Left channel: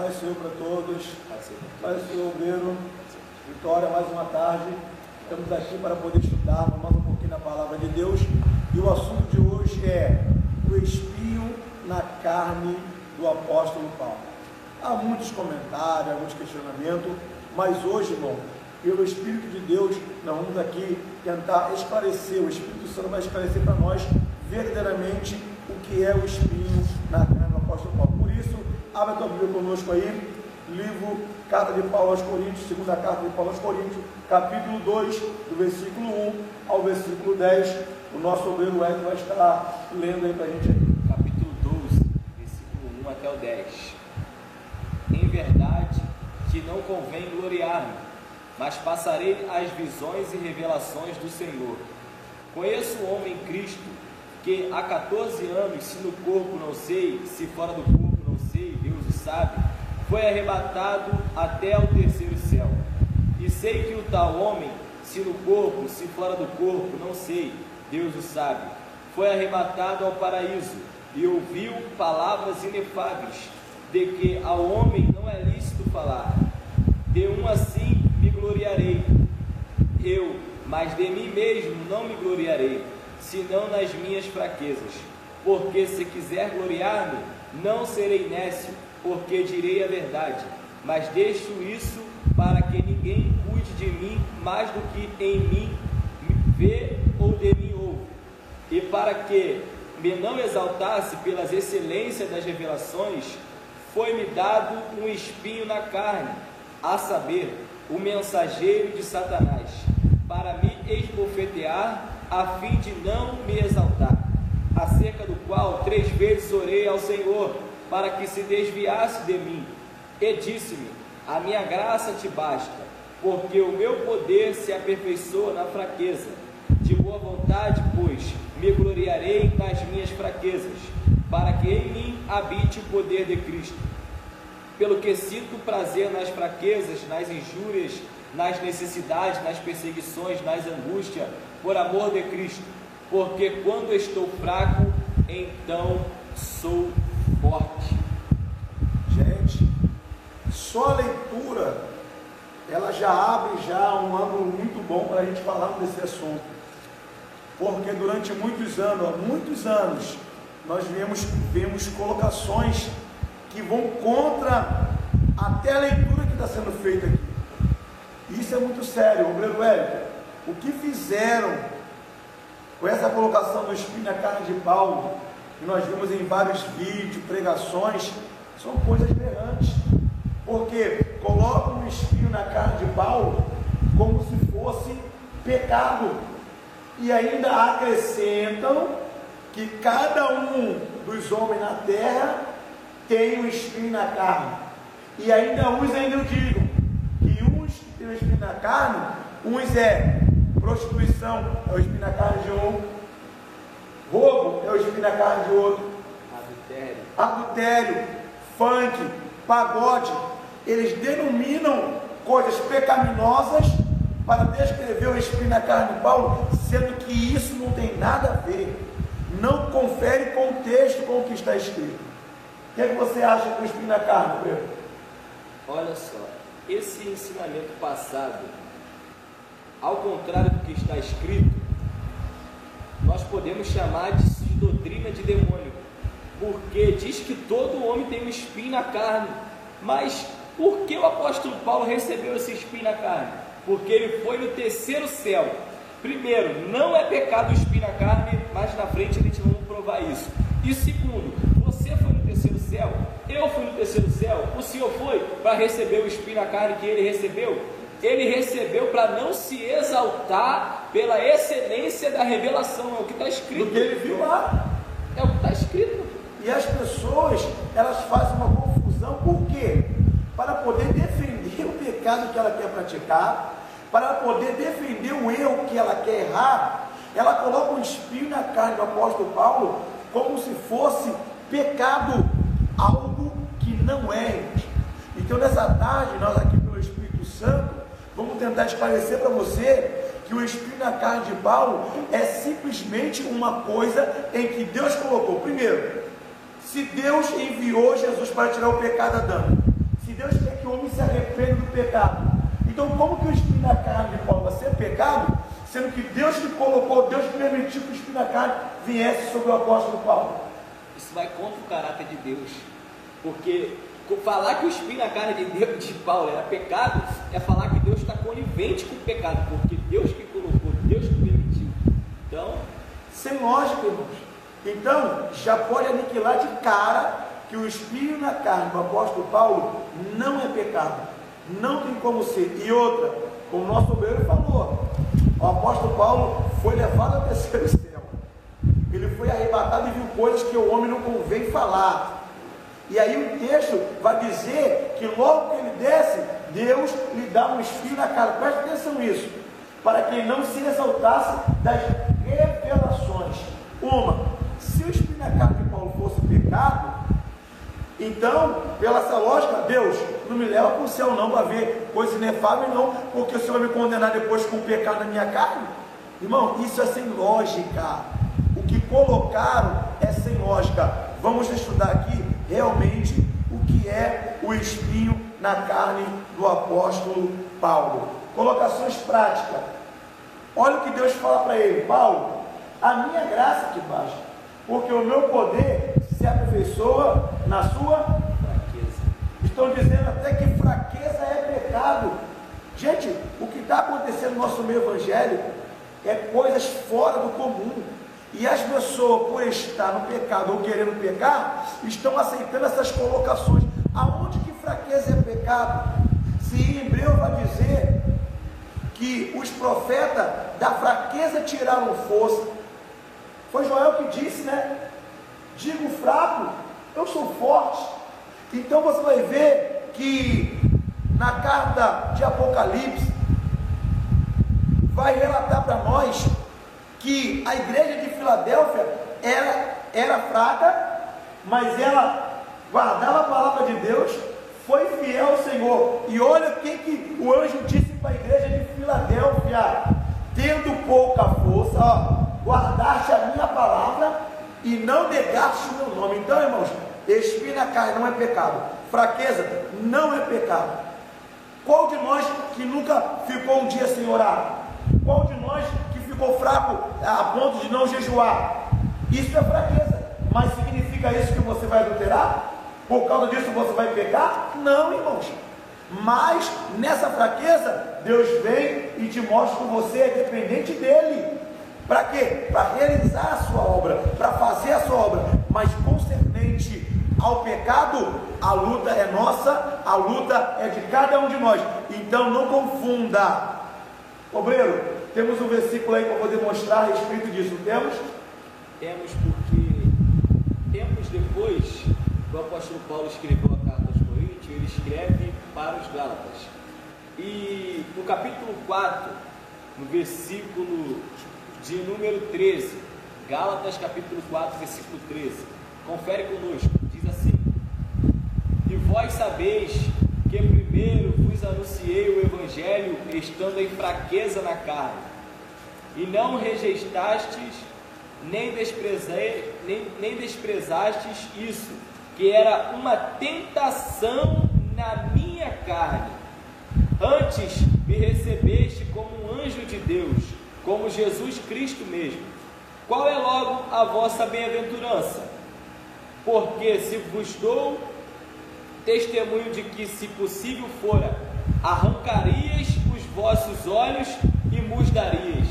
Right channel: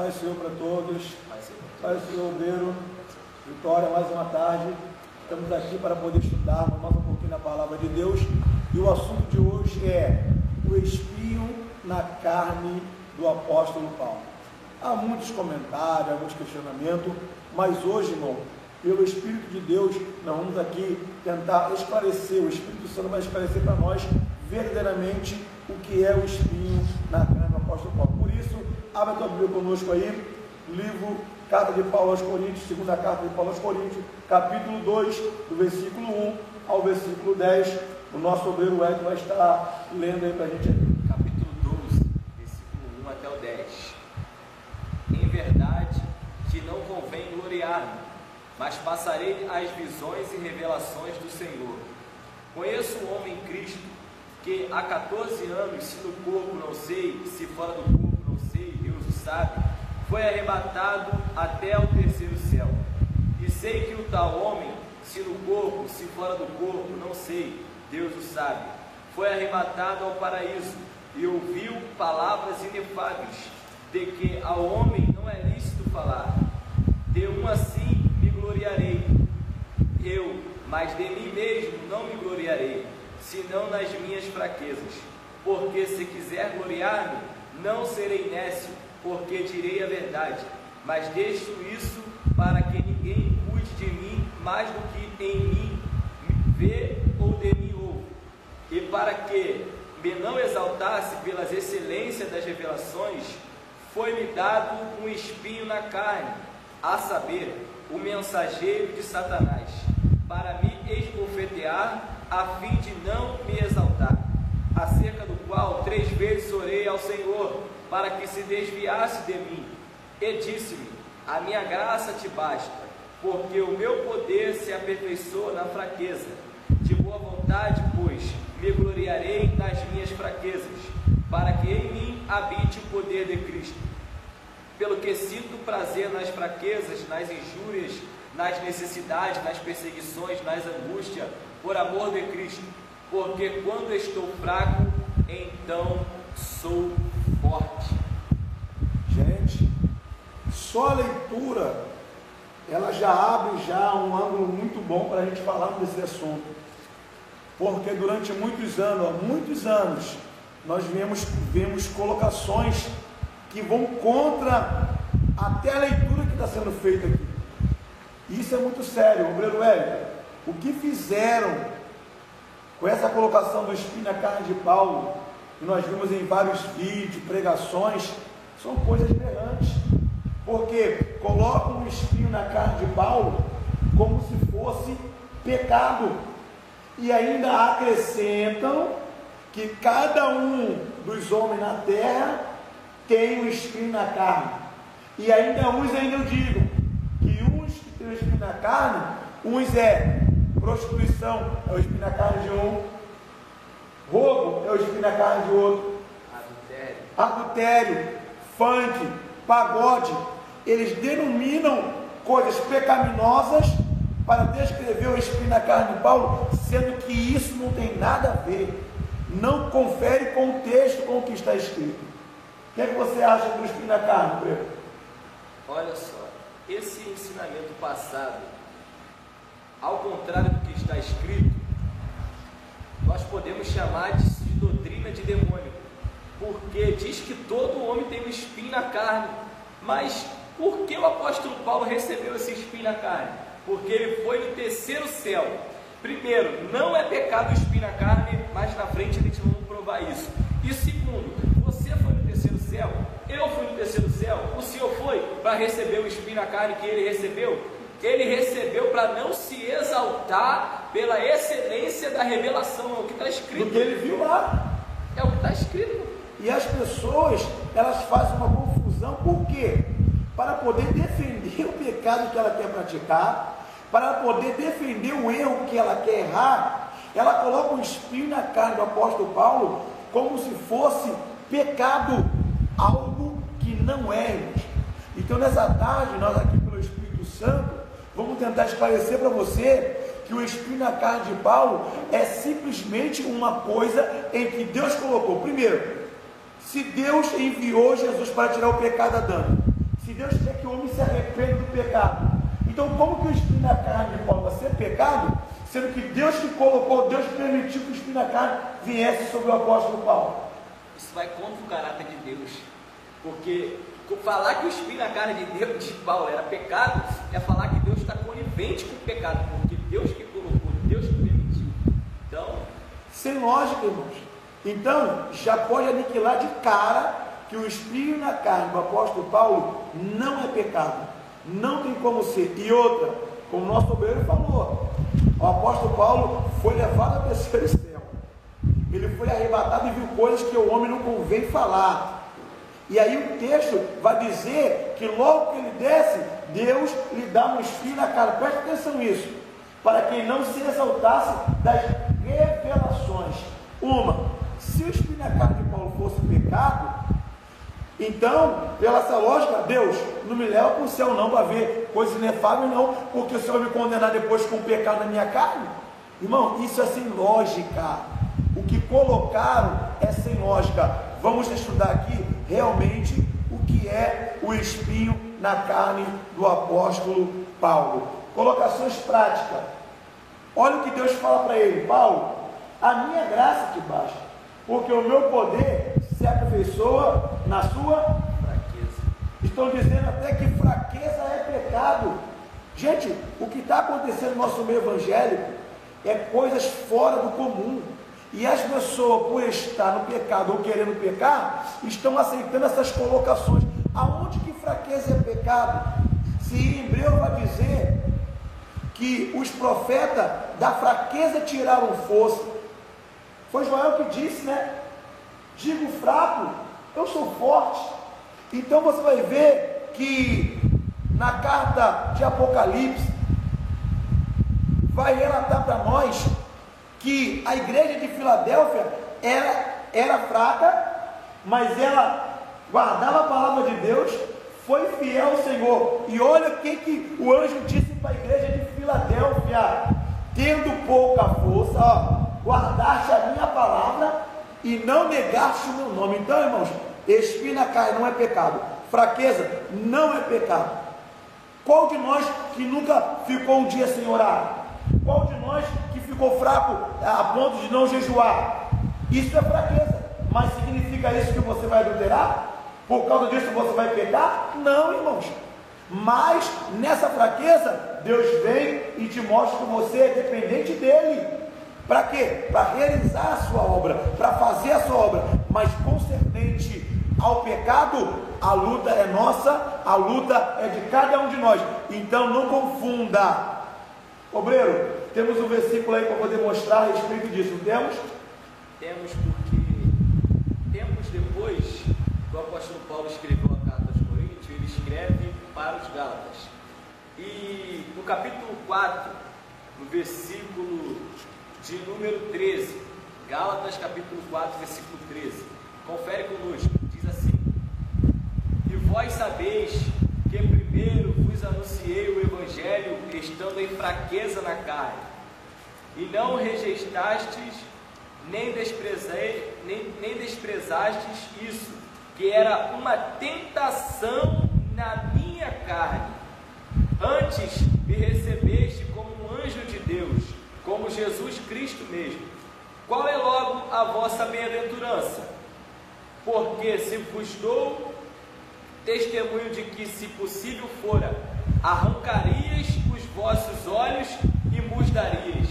Paz Senhor para todos, Paz Senhor obreiro, Vitória, mais uma tarde, estamos aqui para poder estudar mais um pouquinho na palavra de Deus, e o assunto de hoje é o espinho na carne do apóstolo Paulo. Há muitos comentários, alguns questionamentos, mas hoje, irmão, pelo Espírito de Deus, nós vamos aqui tentar esclarecer, o Espírito Santo vai esclarecer para nós verdadeiramente o que é o espinho na carne do apóstolo Paulo. Por isso, abra a tua Bíblia conosco aí, livro, carta de Paulo aos Coríntios, segunda carta de Paulo aos Coríntios, capítulo 2, do versículo 1 ao versículo 10, o nosso obreiro Edson vai estar lendo aí para a gente aí. Capítulo 12, versículo 1 até o 10. Em verdade que não convém gloriar-me, mas passarei as visões e revelações do Senhor. Conheço um homem em Cristo, que há 14 anos, se no corpo não sei, se fora do corpo não sei, Deus o sabe, foi arrebatado até ao terceiro céu. E sei que o tal homem, se no corpo, se fora do corpo, não sei, Deus o sabe, foi arrebatado ao paraíso, e ouviu palavras inefáveis, de que ao homem não é lícito falar. De um assim me gloriarei, mas de mim mesmo não me gloriarei, senão nas minhas fraquezas. Porque se quiser gloriar-me, não serei nécio, porque direi a verdade. Mas deixo isso para que ninguém cuide de mim mais do que em mim vê ou de mim ouve. E para que me não exaltasse pelas excelências das revelações, foi-me dado um espinho na carne, a saber, o mensageiro de Satanás, para me esbofetear, a fim de não me exaltar, acerca do qual 3 vezes orei ao Senhor, para que se desviasse de mim, e disse-me: a minha graça te basta, porque o meu poder se aperfeiçoa na fraqueza. De boa vontade, pois, me gloriarei nas minhas fraquezas, para que em mim habite o poder de Cristo. Pelo que sinto prazer nas fraquezas, nas injúrias, nas necessidades, nas perseguições, nas angústias, por amor de Cristo, porque quando estou fraco, então sou forte. Gente, só a leitura, ela já abre já um ângulo muito bom para a gente falar desse assunto, porque durante muitos anos, nós vemos colocações que vão contra até a leitura que está sendo feita aqui. Isso é muito sério, obreiro Hélio. O que fizeram com essa colocação do espinho na carne de Paulo, que nós vimos em vários vídeos, pregações, são coisas berrantes, porque colocam o espinho na carne de Paulo como se fosse pecado, e ainda acrescentam que cada um dos homens na terra tem um espinho na carne, e ainda uns digam que uns que têm o espinho na carne, uns é prostituição, é o espinho na carne de um, roubo é o espinho na carne de outro, adultério, funk, pagode, eles denominam coisas pecaminosas para descrever o espinho na carne de Paulo, sendo que isso não tem nada a ver, não confere contexto com o que está escrito. O que é que você acha do espinho na carne, Pedro? Olha só, esse ensinamento passado, ao contrário do que está escrito, nós podemos chamar de doutrina de demônio, porque diz que todo homem tem um espinho na carne. Mas por que o apóstolo Paulo recebeu esse espinho na carne? Porque ele foi no terceiro céu. Primeiro, não é pecado o espinho na carne, mas na frente a gente vai provar isso. E segundo, você foi no terceiro céu, eu fui no terceiro céu, o Senhor foi para receber o espinho na carne que ele recebeu? Ele recebeu para não se exaltar pela excelência da revelação, é o que está escrito. Do que ele viu lá, é o que está escrito. E as pessoas, elas fazem uma confusão, por quê? Para poder defender o pecado que ela quer praticar, para poder defender o erro que ela quer errar, ela coloca um espinho na carne do apóstolo Paulo, como se fosse pecado, algo que não é. Então nessa tarde, nós aqui pelo Espírito Santo, vamos tentar esclarecer para você que o espinho na carne de Paulo é simplesmente uma coisa em que Deus colocou. Primeiro, se Deus enviou Jesus para tirar o pecado de Adão, Se Deus quer que o homem se arrependa do pecado, então como que o espinho na carne de Paulo vai ser pecado, sendo que Deus que colocou, Deus permitiu que o espinho na carne viesse sobre o apóstolo Paulo? Isso vai contra o caráter de Deus, porque falar que o espinho na carne de Deus, de Paulo, era pecado, é falar que Deus está conivente com o pecado, porque Deus que colocou, Deus que permitiu. Então, sem lógica, irmãos. Então, já pode aniquilar de cara que o espinho na carne do apóstolo Paulo não é pecado, não tem como ser. E outra, como o nosso obreiro falou, o apóstolo Paulo foi levado ao terceiro céu, ele foi arrebatado e viu coisas que o homem não convém falar. E aí o texto vai dizer que logo que ele desce, Deus lhe dá um espinho na cara. Preste atenção nisso, para que não se exaltasse das revelações. Se o espinho na carne de Paulo fosse pecado, então, pela essa lógica, Deus não me leva para o céu não, para ver coisas inefáveis não, porque o Senhor vai me condenar depois com o pecado na minha carne. Irmão, isso é sem lógica. O que colocaram é sem lógica. Vamos estudar aqui realmente o que é o espinho na carne do apóstolo Paulo. Colocações práticas. Olha o que Deus fala para ele: Paulo, a minha graça te basta, porque o meu poder se aperfeiçoa na sua fraqueza. Estão dizendo até que fraqueza é pecado. Gente, o que está acontecendo no nosso meio evangélico é coisas fora do comum. E as pessoas, por estar no pecado ou querendo pecar, estão aceitando essas colocações. Aonde que fraqueza é pecado? Se em Hebreu vai dizer que os profetas da fraqueza tiraram força. Foi Joel que disse, né? Digo fraco, eu sou forte. Então você vai ver que na carta de Apocalipse vai relatar para nós que a igreja de Filadélfia era fraca, mas ela guardava a palavra de Deus, foi fiel ao Senhor. E olha o que o anjo disse para a igreja de Filadélfia: tendo pouca força, guardaste a minha palavra e não negaste o meu nome. Então, irmãos, espinho na carne não é pecado, fraqueza não é pecado. Qual de nós que nunca ficou um dia sem orar? Qual de nós que ficou fraco a ponto de não jejuar? Isso é fraqueza. Mas significa isso que você vai adulterar? Por causa disso você vai pecar? Não, irmãos. Mas nessa fraqueza, Deus vem e te mostra que você é dependente dele. Para quê? Para realizar a sua obra, para fazer a sua obra. Mas concernente ao pecado, a luta é nossa, a luta é de cada um de nós. Então não confunda. Obreiro, temos um versículo aí para poder mostrar a respeito disso, não temos? Temos, porque tempos depois que o apóstolo Paulo escreveu a carta aos Coríntios, ele escreve para os Gálatas. E no capítulo 4, no versículo de número 13, Gálatas capítulo 4, versículo 13, confere conosco, diz assim: e vós sabeis que primeiro vos anunciei o Evangelho estando em fraqueza na carne, e não rejeitastes, nem desprezastes isso, que era uma tentação na minha carne. Antes me recebeste como um anjo de Deus, como Jesus Cristo mesmo. Qual é logo a vossa bem-aventurança? Porque se vos dou testemunho de que, se possível fora, arrancarias os vossos olhos e mudarias.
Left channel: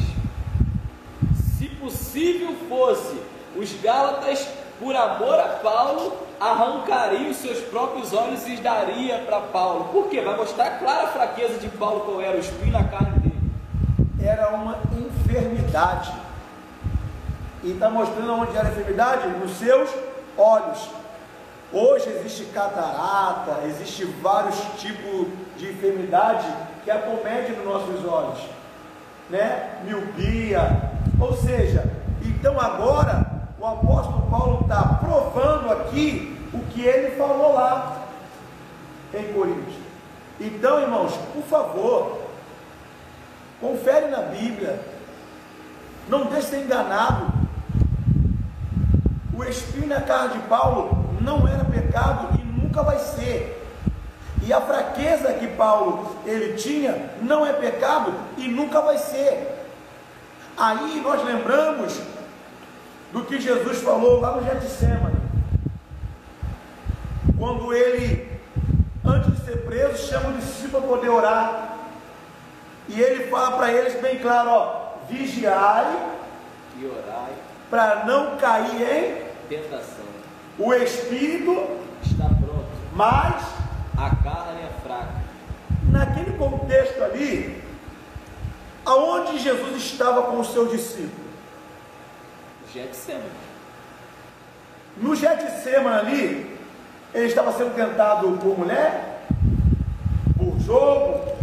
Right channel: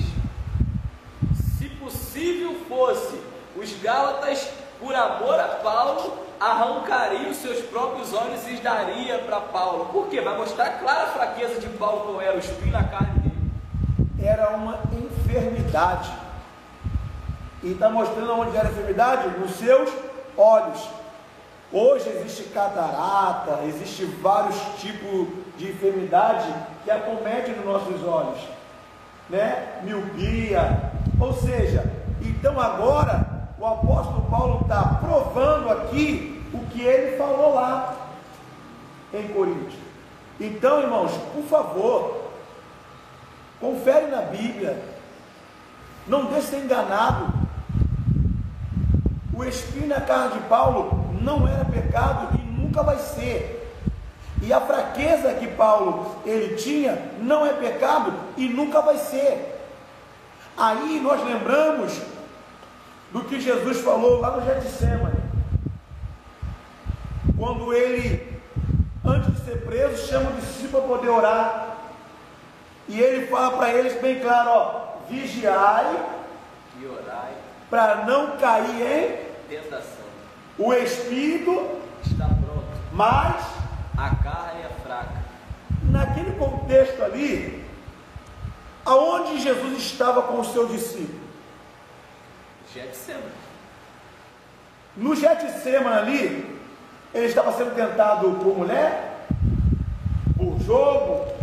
Se possível fosse, os Gálatas, por amor a Paulo, arrancariam seus próprios olhos e daria para Paulo. Por quê? Vai mostrar clara a fraqueza de Paulo, qual era o espinho na carne dele. Era uma enfermidade. E está mostrando onde era a enfermidade? Nos seus olhos. Hoje existe catarata, existe vários tipos de enfermidade que acometem nos nossos olhos, né? Miopia. Ou seja, então agora o apóstolo Paulo está provando aqui o que ele falou lá em Coríntios. Então, irmãos, por favor, confere na Bíblia, não deixe ser enganado. O espinho na carne de Paulo não era pecado e nunca vai ser. E a fraqueza que Paulo ele tinha não é pecado e nunca vai ser. Aí nós lembramos do que Jesus falou lá no Getsêmani, quando ele, antes de ser preso, chama o discípulo para poder orar, e ele fala para eles bem claro, ó, vigiai e orai, para não cair em tentação. O espírito Está pronto, mas a carne é fraca. naquele contexto ali, aonde Jesus estava com os seus discípulos? Getsêmani. No Getsêmani ali, ele estava sendo tentado por mulher, por jogo.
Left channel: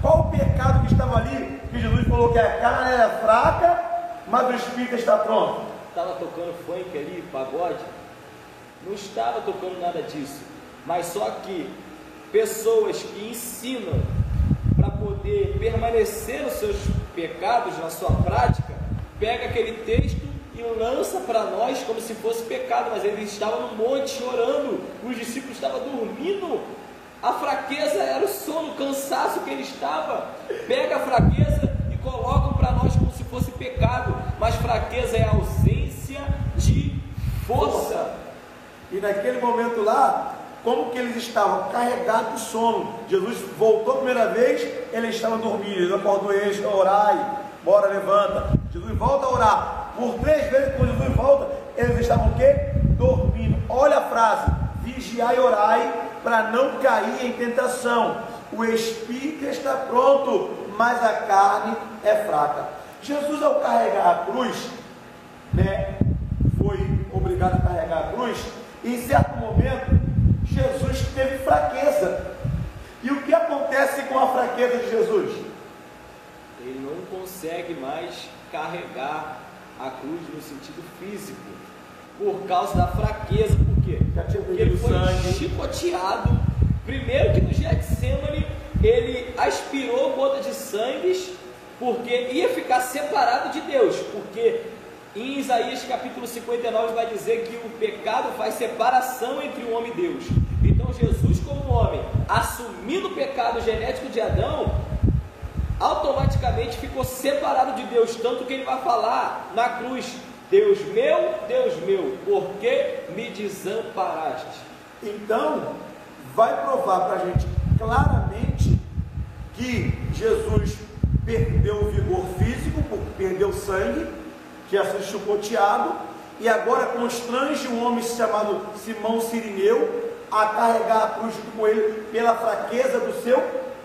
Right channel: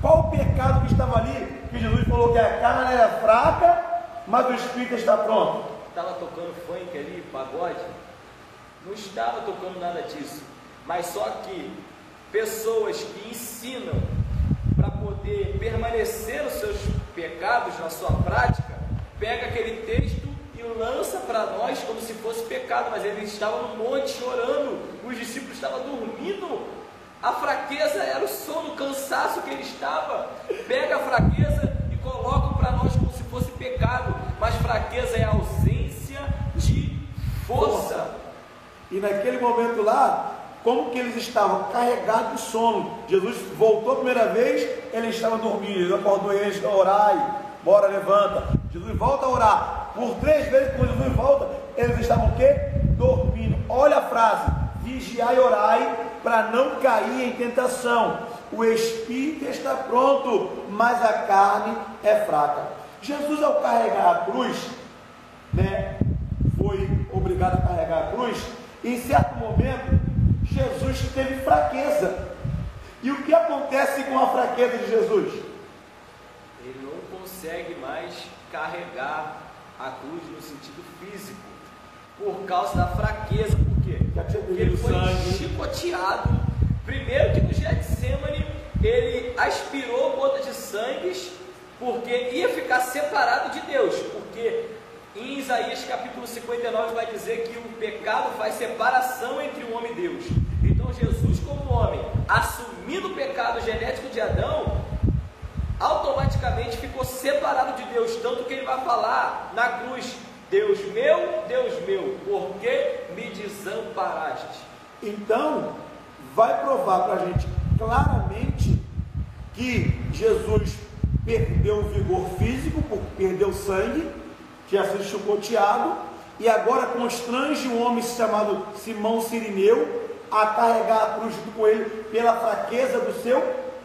Qual o pecado que estava ali? Que Jesus falou que a carne era fraca, mas o espírito está pronto. Estava tocando funk ali, pagode? Não estava tocando nada disso. Mas só que pessoas que ensinam para poder permanecer nos seus pecados, na sua prática, pega aquele texto e lança para nós como se fosse pecado, mas eles estavam no monte chorando, os discípulos estavam dormindo, a fraqueza era o sono, o cansaço que ele estava. Pega a fraqueza e colocam para nós como se fosse pecado, mas fraqueza é a ausência de força. E naquele momento lá, como que eles estavam carregados de sono, Jesus voltou a primeira vez, ele estava dormindo, Jesus acordou eles, orai, bora, levanta. Jesus volta a orar, por 3 vezes quando Jesus volta, eles estavam o quê? Dormindo. Olha a frase, vigiai e orai, para não cair em tentação. O espírito está pronto, mas a carne é fraca. Jesus, ao carregar a cruz, foi obrigado a carregar a cruz. Em certo momento, Jesus teve fraqueza. E o que acontece com a fraqueza de Jesus? Ele não consegue mais carregar a cruz no sentido físico, por causa da fraqueza. Por quê? Porque ele foi chicoteado. Primeiro que no Getsêmani, ele aspirou gotas de sangue, porque ia ficar separado de Deus. Porque em Isaías capítulo 59 vai dizer que o pecado faz separação entre o homem e Deus. Então Jesus, como homem, assumindo o pecado genético de Adão, automaticamente ficou separado de Deus, tanto que ele vai falar na cruz: Deus meu, por que me desamparaste? Então, vai provar para a gente claramente que Jesus perdeu o vigor físico, perdeu sangue, tinha sido chicoteado, e agora constrange um homem chamado Simão Sirineu a carregar a cruz junto com ele pela fraqueza do seu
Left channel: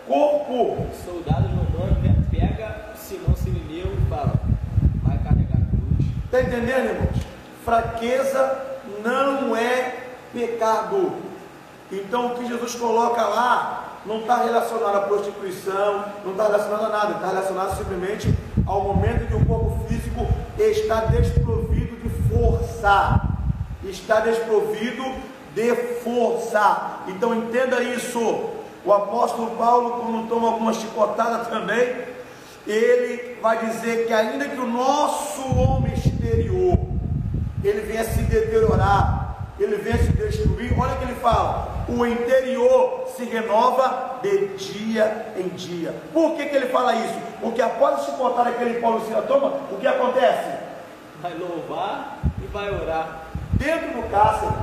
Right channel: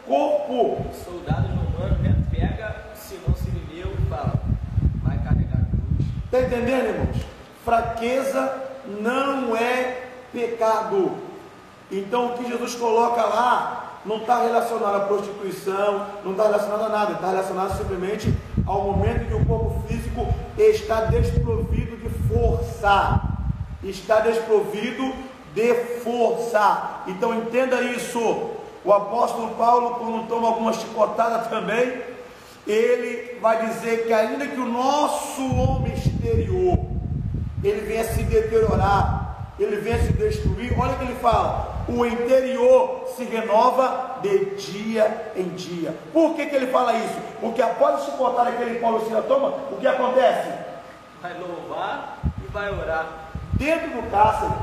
corpo. Os soldados romanos, pega Simão Sirineu e fala: vai carregar a cruz. Está entendendo, irmãos? Fraqueza não é pecado. Então o que Jesus coloca lá não está relacionado à prostituição, não está relacionado a nada, está relacionado simplesmente ao momento em que o corpo físico está desprovido de força. Está desprovido de força. Então entenda isso. O apóstolo Paulo, quando toma alguma chicotada também, ele vai dizer que ainda que o nosso homem exterior ele venha se deteriorar, ele venha se destruir, olha o que ele fala: o interior se renova de dia em dia. Por que ele fala isso? Porque após a chicotada que ele Paulo Sila toma, o que acontece? Vai louvar e vai orar dentro do cárcere.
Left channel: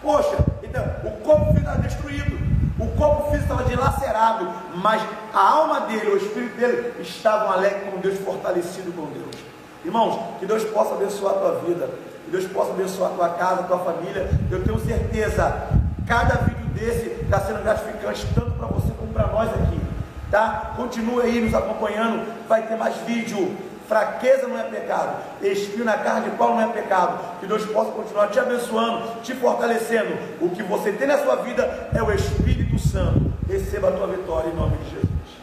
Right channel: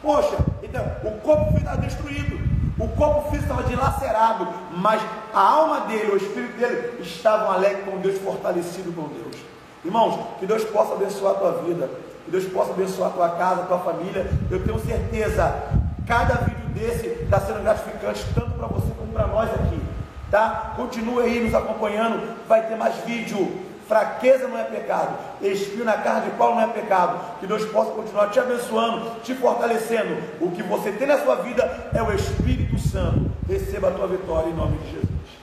Poxa, então o corpo físico estava destruído, o corpo físico estava dilacerado, mas a alma dele, o espírito dele estavam alegres com Deus, fortalecido com Deus. Irmãos, que Deus possa abençoar a tua vida, que Deus possa abençoar a tua casa, a tua família. Eu tenho certeza, cada vídeo desse está sendo gratificante tanto para você como para nós aqui, tá? Continue aí nos acompanhando, vai ter mais vídeo. Fraqueza não é pecado, espinho na carne de Paulo não é pecado. Que Deus possa continuar te abençoando, te fortalecendo. O que você tem na sua vida é o Espírito Santo. Receba a tua vitória em nome de Jesus.